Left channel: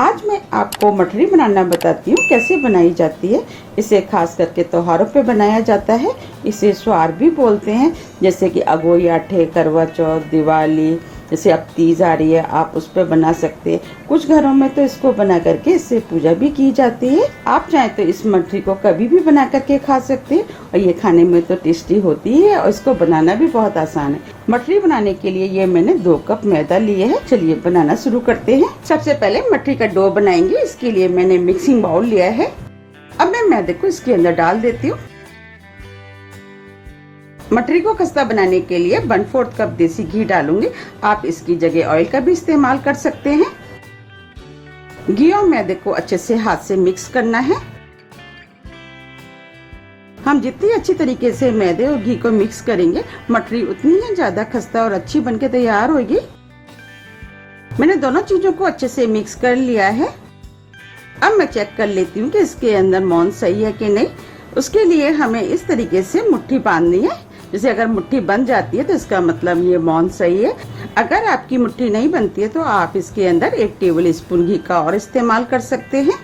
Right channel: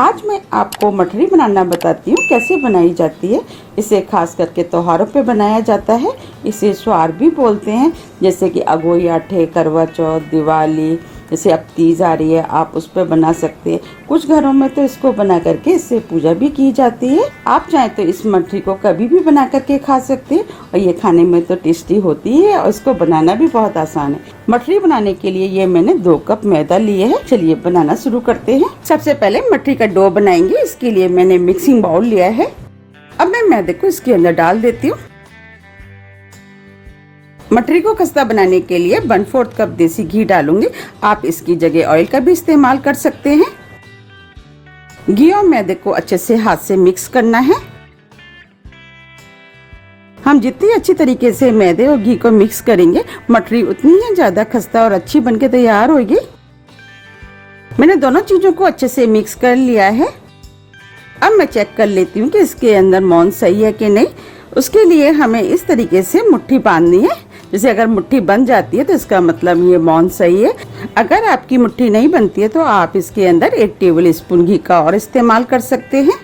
आज मैं आपको मठरी बनाना बताती हूँ कैसे बनाई जाती है। इसे खास करके त्योहारों पे बनाया जाता है। इसे स्वार भी बोलते हैं, जैसे कि अगोई आठे, करवा चौथ, दिवाली, जैसे अब तीज आ रही है आप उस पर बना सकते हैं। कुछ घरों में तो इसको बना करके इससे पूजा भी की जाती है। आप चाहें तो इस मठरी को कभी भी बना करके खा सकते हैं और ये खाने में तो टेस्टी होती है और इसको बनाना भी बहुत आसान है। मठरी बनाने के लिए ये मैंने 2 कप मैदा लिए है। चलिए बनाना शुरू करते हैं। सबसे पहले मठरी का डो बनाएंगे। इसके लिए मैंने मिक्सिंग बाउल लिया है। अब मैं मैदे को इसके अंदर डाल देती हूँ। मठरी को खस्ता बनाने के लिए 1/4 कप देसी घी डालूंगी। आप इसकी जगह ऑयल का भी इस्तेमाल कर सकते हैं। घी और मैदे को अच्छे से हाथ से मिक्स करना है। हम जितनी अच्छी तरीके से मैदे और घी को मिक्स करेंगे, मठरी उतनी ही ज्यादा खस्ता और अच्छी बनके तैयार होगी। मैंने दोनों चीजों को अच्छे से मिक्स कर लिया है। अब मैं चेक कर लेती हूँ कि इसके अंदर मोहन सही है कि नहीं। उसके लिए हमें इस तरीके से मुट्ठी बांधनी है। जैसे अगर मुट्ठी बन जाती है तो इसका मतलब ये मोहन सही है। अगर आपकी मुट्ठी नहीं बनती है तो आप इसके अंदर 1 टेबल स्पून घी का और इस्तेमाल कर सकते हैं।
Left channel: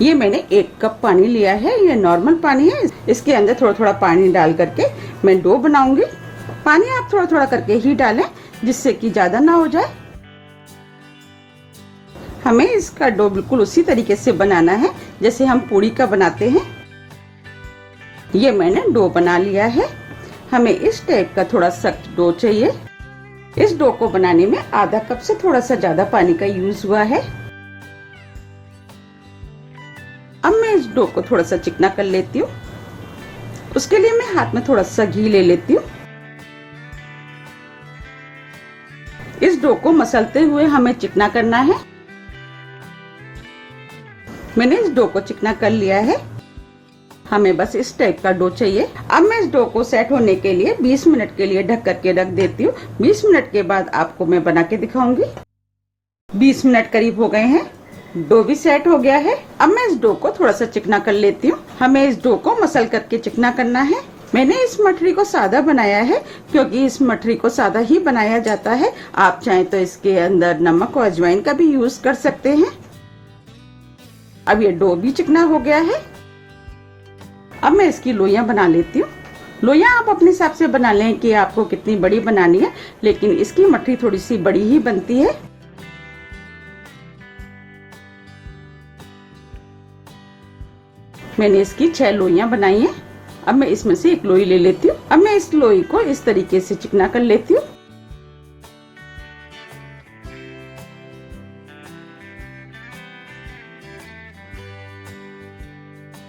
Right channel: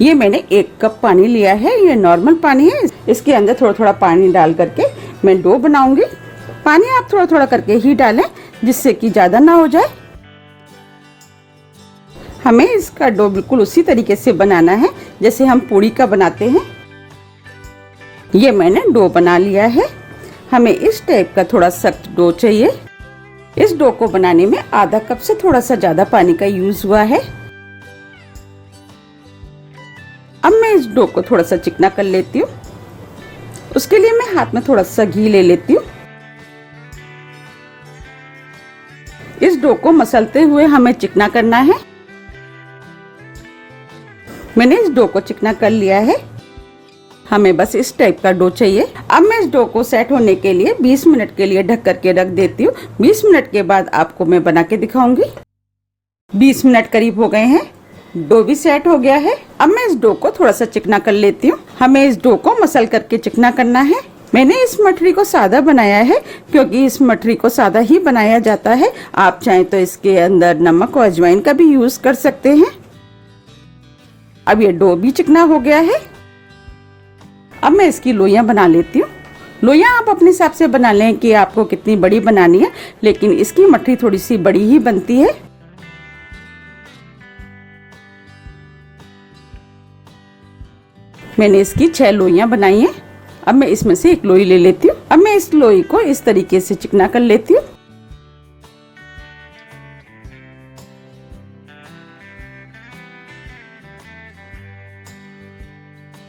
ये मैंने 1 कप पानी लिया है। ये नॉर्मल पानी है। इसके अंदर थोड़ा थोड़ा पानी डाल करके मैं डो बनाऊंगी। पानी आप थोड़ा थोड़ा करके ही डालें, जिससे कि ज्यादा ना हो जाए। हमें इसका डो बिल्कुल उसी तरीके से बनाना है जैसे हम पूरी का बनाते हैं। ये मैंने डो बना लिया है। हमें इस टाइप का थोड़ा सख्त डो चाहिए। इस डो को बनाने में आधा कप से थोड़ा सा ज्यादा पानी का यूज हुआ है। अब मैं इस डो को थोड़ा सा चिकना कर लेती हूँ। उसके लिए मैं हाथ में थोड़ा सा घी ले लेती हूँ। इस डो को मसलते हुए हमें चिकना करना है। मैंने इस डो को चिकना कर लिया है। हमें बस इस टाइप का डो चाहिए। अब मैं इस डो को सेट होने के लिए 20 मिनट के लिए ढक करके रख देती हूँ। 20 मिनट के बाद आपको मैं बना के दिखाऊंगी। 20 मिनट करीब हो गए हैं। डो भी सेट हो गया है। अब मैं इस डो को थोड़ा सा चिकना कर लेती हूँ। हमें इस डो को मसल करके चिकना करना है। मैंने इस मठरी को सादा बनाया है क्योंकि इस मठरी को सादा ही बनाया जाता है। आप चाहें तो इसके अंदर नमक और अजवाइन का भी यूज कर सकते हैं। अब ये डो भी चिकना हो गया है। अब मैं इसकी लोइयां बना लेती हूँ। लोइयां आप अपने हिसाब से बना लें कि आपको कितनी बड़ी बनानी है, लेकिन इसकी मठरी थोड़ी सी बड़ी ही बनती है। मैंने इसकी 6 लोइयां बनाई हैं। अब मैं इसमें से एक लोई ले लेती हूँ। अब मैं इस लोई को इस तरीके से चिकना कर लेती हूँ।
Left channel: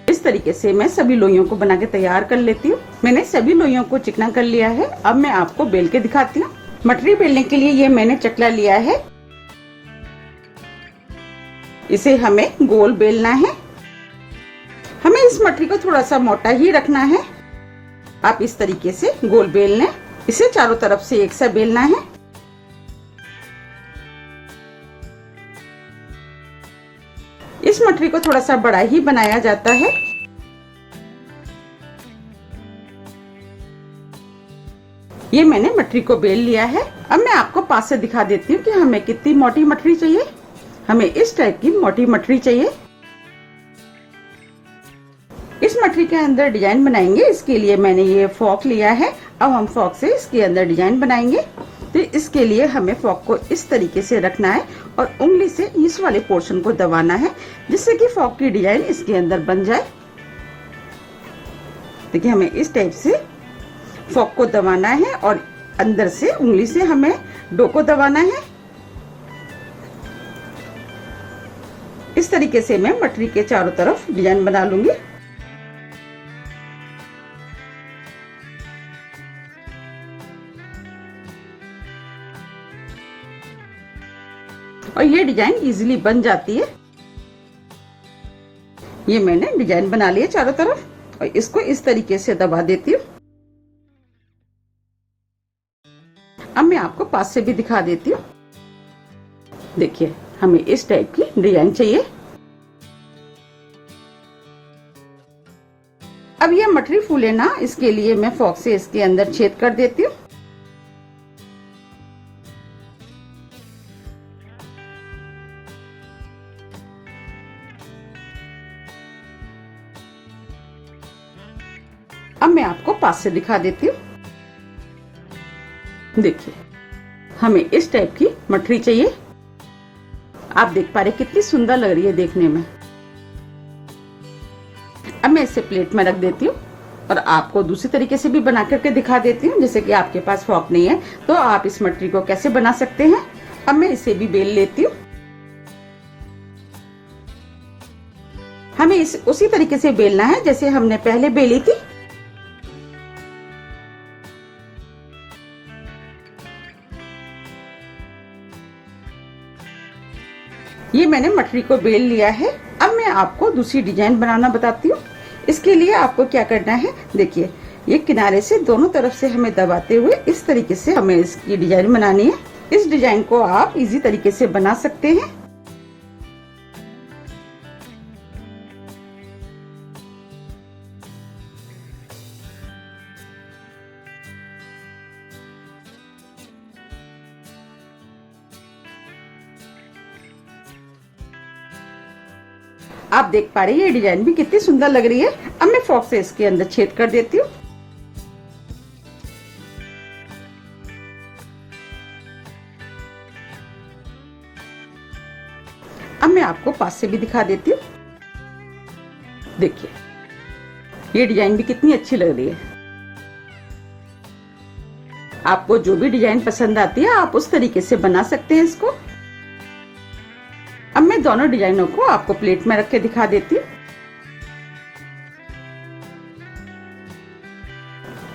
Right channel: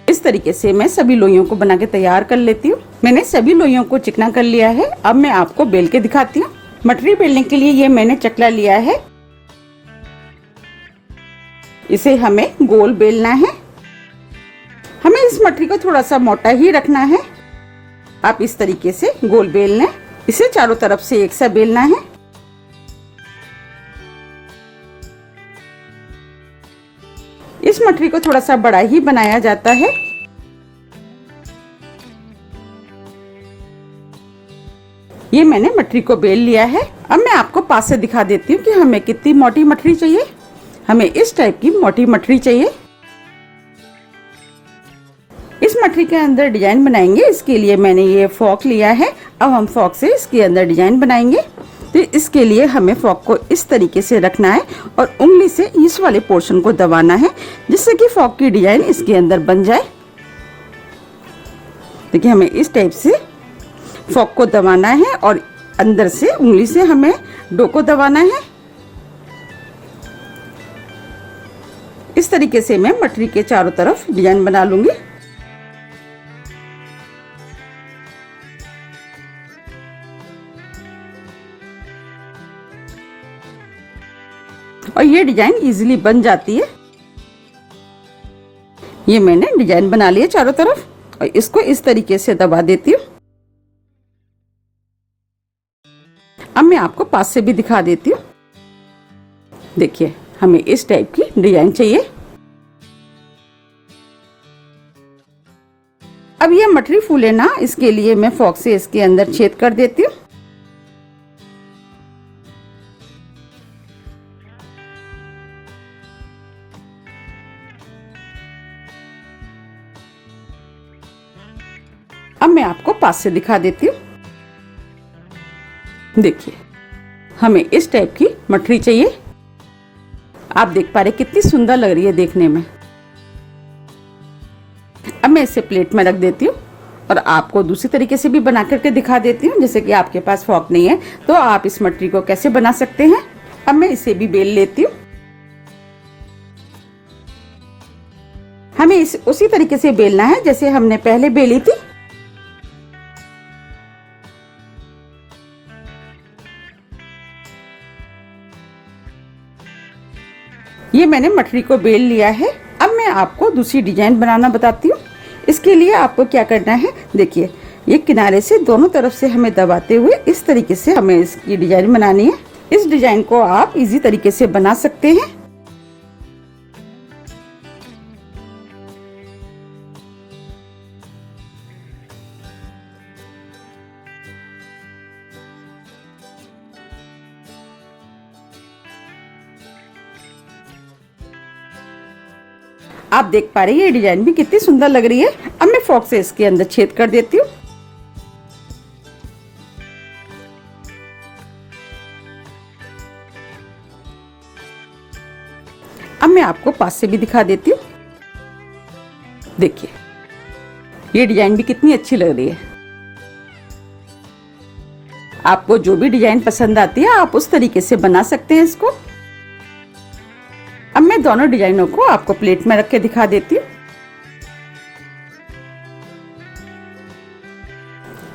इस तरीके से मैं सभी लोइयों को बना के तैयार कर लेती हूँ। मैंने सभी लोइयों को चिकना कर लिया है। अब मैं आपको बेल के दिखाती हूँ। मठरी बेलने के लिए ये मैंने चकला लिया है। इसे हमें गोल बेलना है। हमें इस मठरी को थोड़ा सा मोटा ही रखना है। आप इस तरीके से गोल बेल लें। इसे चारों तरफ से एक सा बेलना है। इस मठरी को थोड़ा सा बड़ा ही बनाया जाता है। ये मैंने मठरी को बेल लिया है। अब मैं आपको पास से दिखा देती हूँ कि हमें कितनी मोटी मठरी चाहिए। हमें इस टाइप की मोटी मठरी चाहिए। इस मठरी के अंदर डिजाइन बनाएंगे। इसके लिए मैंने ये फॉक लिया है। अब हम फॉक से इसके अंदर डिजाइन बनाएंगे। तो इसके लिए हमें फॉक को इस तरीके से रखना है और उंगली से इस वाले पोर्शन को दबाना है, जिससे कि फॉक की डिजाइन इसके अंदर बन जाए। देखिए, हमें इस टाइप से फॉक को दबाना है और अंदर से उंगली से हमें डो को दबाना है। इस तरीके से मैं मठरी के चारों तरफ डिजाइन बना लूंगी। और ये डिजाइन इजीली बन जाती है। ये मैंने डिजाइन बना लिया चारों तरफ और इसको इस तरीके से दबा देती हूँ। अब मैं आपको पास से भी दिखा देती हूँ। देखिए, हमें इस टाइप की डिजाइन चाहिए। अब ये मठरी फूले ना, इसके लिए मैं फॉक से इसके अंदर छेद कर देती हूँ। अब मैं आपको पास से दिखा देती हूँ। देखिए, हमें इस टाइप की मठरी चाहिए। आप देख पा रहे कितनी सुंदर लग रही है देखने में। अब मैं इसे प्लेट में रख देती हूँ और आपको दूसरी तरीके से भी बना करके दिखा देती हूँ। जैसे कि आपके पास फॉर्क नहीं है तो आप इस मठरी को कैसे बना सकते हैं। अब मैं इसे भी बेल लेती हूँ। हमें इस उसी तरीके से बेलना है जैसे हमने पहले बेली थी। ये मैंने मठरी को बेल लिया है। अब मैं आपको दूसरी डिजाइन बनाना बताती हूँ। इसके लिए आपको क्या करना है, देखिए ये किनारे से दोनों तरफ से हमें दबाते हुए इस तरीके से हमें इसकी डिजाइन बनानी है। इस डिजाइन को आप इजी तरीके से बना सकते हैं। आप देख पा रहे हैं ये डिजाइन भी कितनी सुंदर लग रही है। अब मैं फॉर्क से इसके अंदर छेद कर देती हूँ। अब मैं आपको पास से भी दिखा देती हूँ। देखिए, ये डिजाइन भी कितनी अच्छी लग रही है। आपको जो भी डिजाइन पसंद आती है आप उस तरीके से बना सकते हैं इसको। अब मैं दोनों डिजाइनों को आपको प्लेट में रख के दिखा देती हूँ।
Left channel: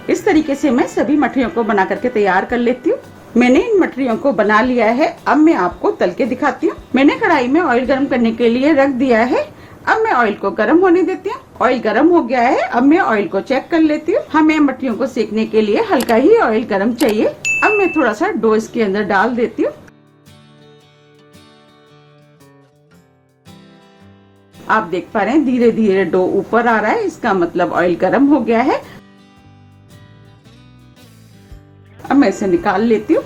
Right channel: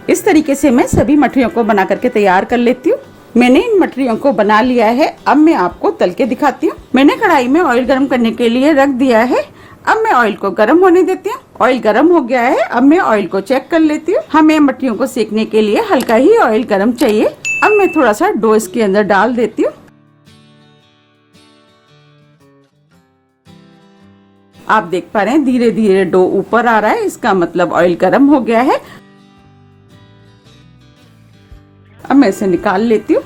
इस तरीके से मैं सभी मठरियों को बना करके तैयार कर लेती हूँ। मैंने इन मठरियों को बना लिया है। अब मैं आपको तल के दिखाती हूँ। मैंने कढ़ाई में ऑयल गर्म करने के लिए रख दिया है। अब मैं ऑयल को गर्म होने देती हूँ। ऑयल गर्म हो गया है। अब मैं ऑयल को चेक कर लेती हूँ। हमें मठरियों को सेकने के लिए हल्का ही ऑयल गर्म चाहिए। अब मैं थोड़ा सा डो इसके अंदर डाल देती हूँ। आप देख पा रहे हैं धीरे धीरे डो ऊपर आ रहा है, इसका मतलब ऑयल गर्म हो गया है। अब मैं इसे निकाल लेती हूँ।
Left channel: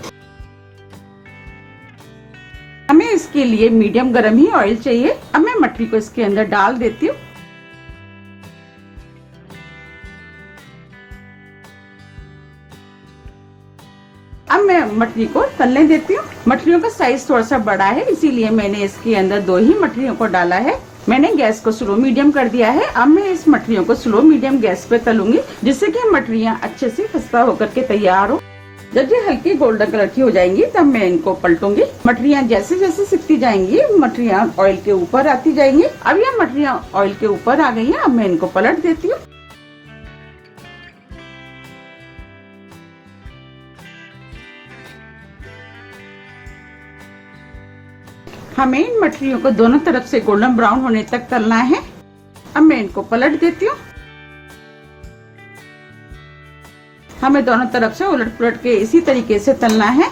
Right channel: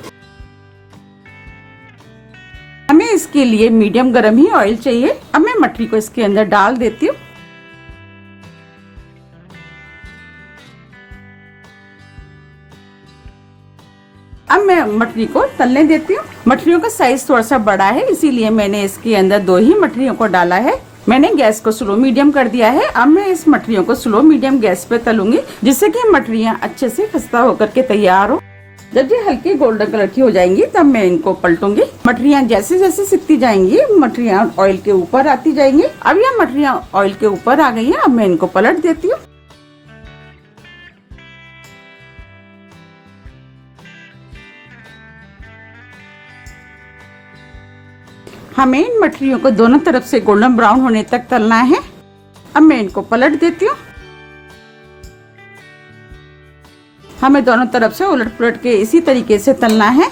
हमें इसके लिए मीडियम गर्म ही ऑयल चाहिए। अब मैं मठरी को इसके अंदर डाल देती हूँ। अब मैं मठरी को तलने देती हूँ। मठरियों का साइज थोड़ा सा बड़ा है, इसीलिए मैंने इसके अंदर 2 ही मठरियों को डाला है। मैंने गैस को स्लो मीडियम कर दिया है। अब मैं इस मठरियों को स्लो मीडियम गैस पे तलूंगी, जिससे कि मठरियाँ अच्छे से खस्ता होकर के तैयार हो। जब ये हल्की गोल्डन कलर की हो जाएंगी तब मैं इनको पलटूंगी। मठरियाँ जैसे जैसे सिकती जाएंगी मठरियाँ ऑयल के ऊपर आती जाएंगी। अब ये मठरियाँ ऑयल के ऊपर आ गई हैं। अब मैं इनको पलट देती हूँ। हमें इन मठरियों को दोनों तरफ से गोल्डन ब्राउन होने तक तलना है। अब मैं इनको पलट देती हूँ। हमें दोनों तरफ से उलट पुलट के इसी तरीके से तलना है।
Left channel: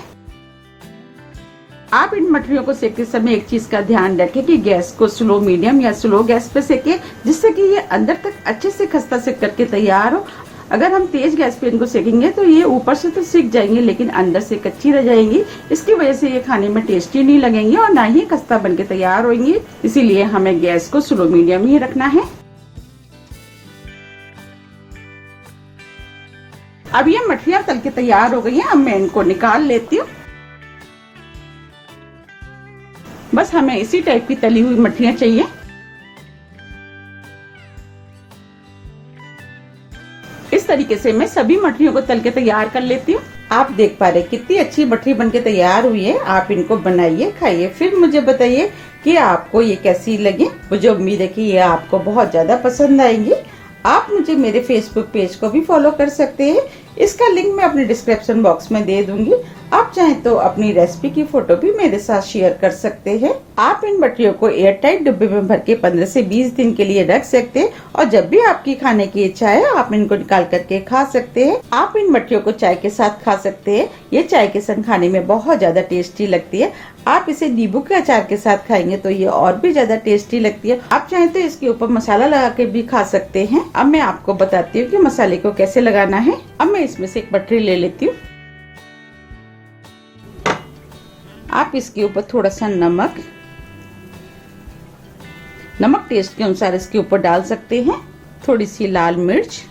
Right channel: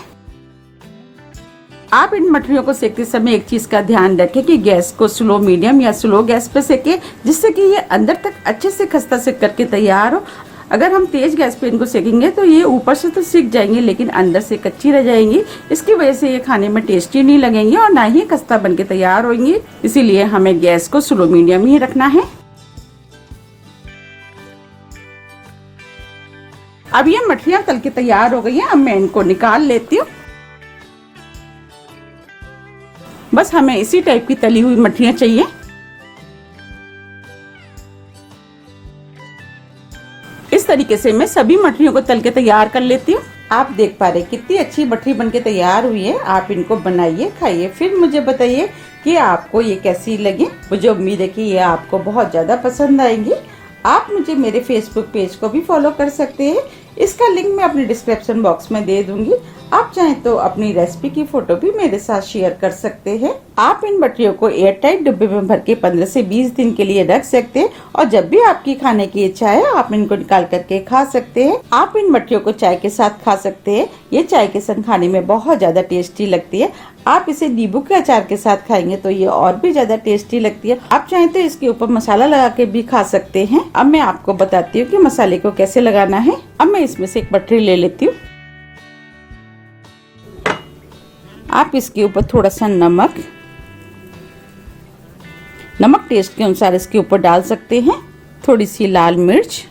आप इन मठरियों को सेकते समय एक चीज का ध्यान रखें कि गैस को स्लो मीडियम या स्लो गैस पे सेके, जिससे कि ये अंदर तक अच्छे से खस्ता सेक करके तैयार हो। अगर हम तेज गैस पे इनको सेकेंगे तो ये ऊपर से तो सीख जाएंगे लेकिन अंदर से कच्ची रह जाएंगी। इसकी वजह से ये खाने में टेस्टी नहीं लगेंगे और ना ही खस्ता बन के तैयार होंगी। इसीलिए हमें गैस को स्लो मीडियम ही रखना है। अब ये मठरियाँ तल के तैयार हो गई हैं। अब मैं इनको निकाल लेती हूँ। बस हमें इसी टाइप की तली हुई मठरियाँ चाहिए। इस तरीके से मैं सभी मठरियों को तल के तैयार कर लेती हूँ। आप देख पा रहे कितनी अच्छी मठरी बनके तैयार हुई है। आप इनको बनाइए, खाइए, फिर मुझे बताइए कि आपको ये कैसी लगी। मुझे उम्मीद है कि ये आपको बहुत ज्यादा पसंद आएंगी। आप मुझे मेरे फेसबुक पेज को भी फॉलो कर सकते हैं। इसका लिंक मैं अपने डिस्क्रिप्शन बॉक्स में दे दूंगी। आप चाहें तो अपनी रेसिपी की फोटो भी मेरे साथ शेयर कर सकते हैं। आप इन मठरियों को एयर टाइट डिब्बे में भर के 15 से 20 दिन के लिए रख सकते हैं और जब भी आपकी खाने की इच्छा है आप इनको निकाल करके खा सकते हैं। आप इन मठरियों को चाय के साथ खा सकते हैं। ये चाय के साथ खाने में बहुत ज्यादा टेस्टी लगती है। आप इसे नींबू के अचार के साथ खाएंगे तो ये और भी ज्यादा टेस्टी लगती है। आप चाहें तो इसके ऊपर मसाला लगा के भी खा सकते हैं। अब मैं आपको बताती हूँ कि मसाले को कैसे लगाना है। अब मैं इसमें से एक मठरी ले लेती हूँ। आप इसके ऊपर थोड़ा सा नमक टेस्ट के अनुसार इसके ऊपर डाल सकते हैं। थोड़ी सी लाल मिर्च,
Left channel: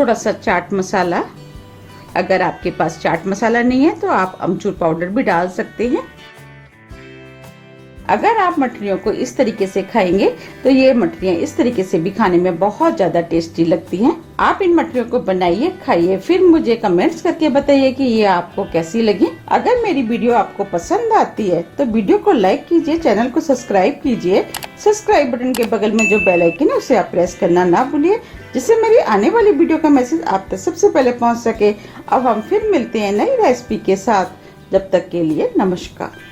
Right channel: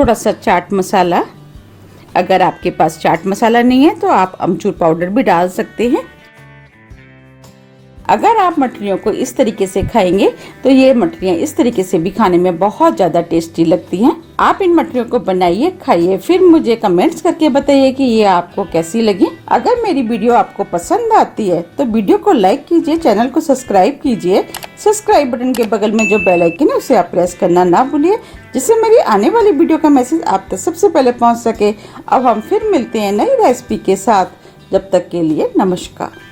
थोड़ा सा चाट मसाला। अगर आपके पास चाट मसाला नहीं है तो आप अमचूर पाउडर भी डाल सकते हैं। अगर आप मठरियों को इस तरीके से खाएंगे तो ये मठरियाँ इस तरीके से भी खाने में बहुत ज्यादा टेस्टी लगती हैं। आप इन मठरियों को बनाइए, खाइए, फिर मुझे कमेंट्स करके बताइए कि ये आपको कैसी लगी। अगर मेरी वीडियो आपको पसंद आती है तो वीडियो को लाइक कीजिए, चैनल को सब्सक्राइब कीजिए। सब्सक्राइब बटन के बगल में जो बेल आइकन है उसे आप प्रेस करना ना भूलिए, जिससे मेरी आने वाली वीडियो का मैसेज आप तक सबसे पहले पहुँच सके। अब हम फिर मिलते हैं नई रेसिपी के साथ। जब तक के लिए नमस्कार।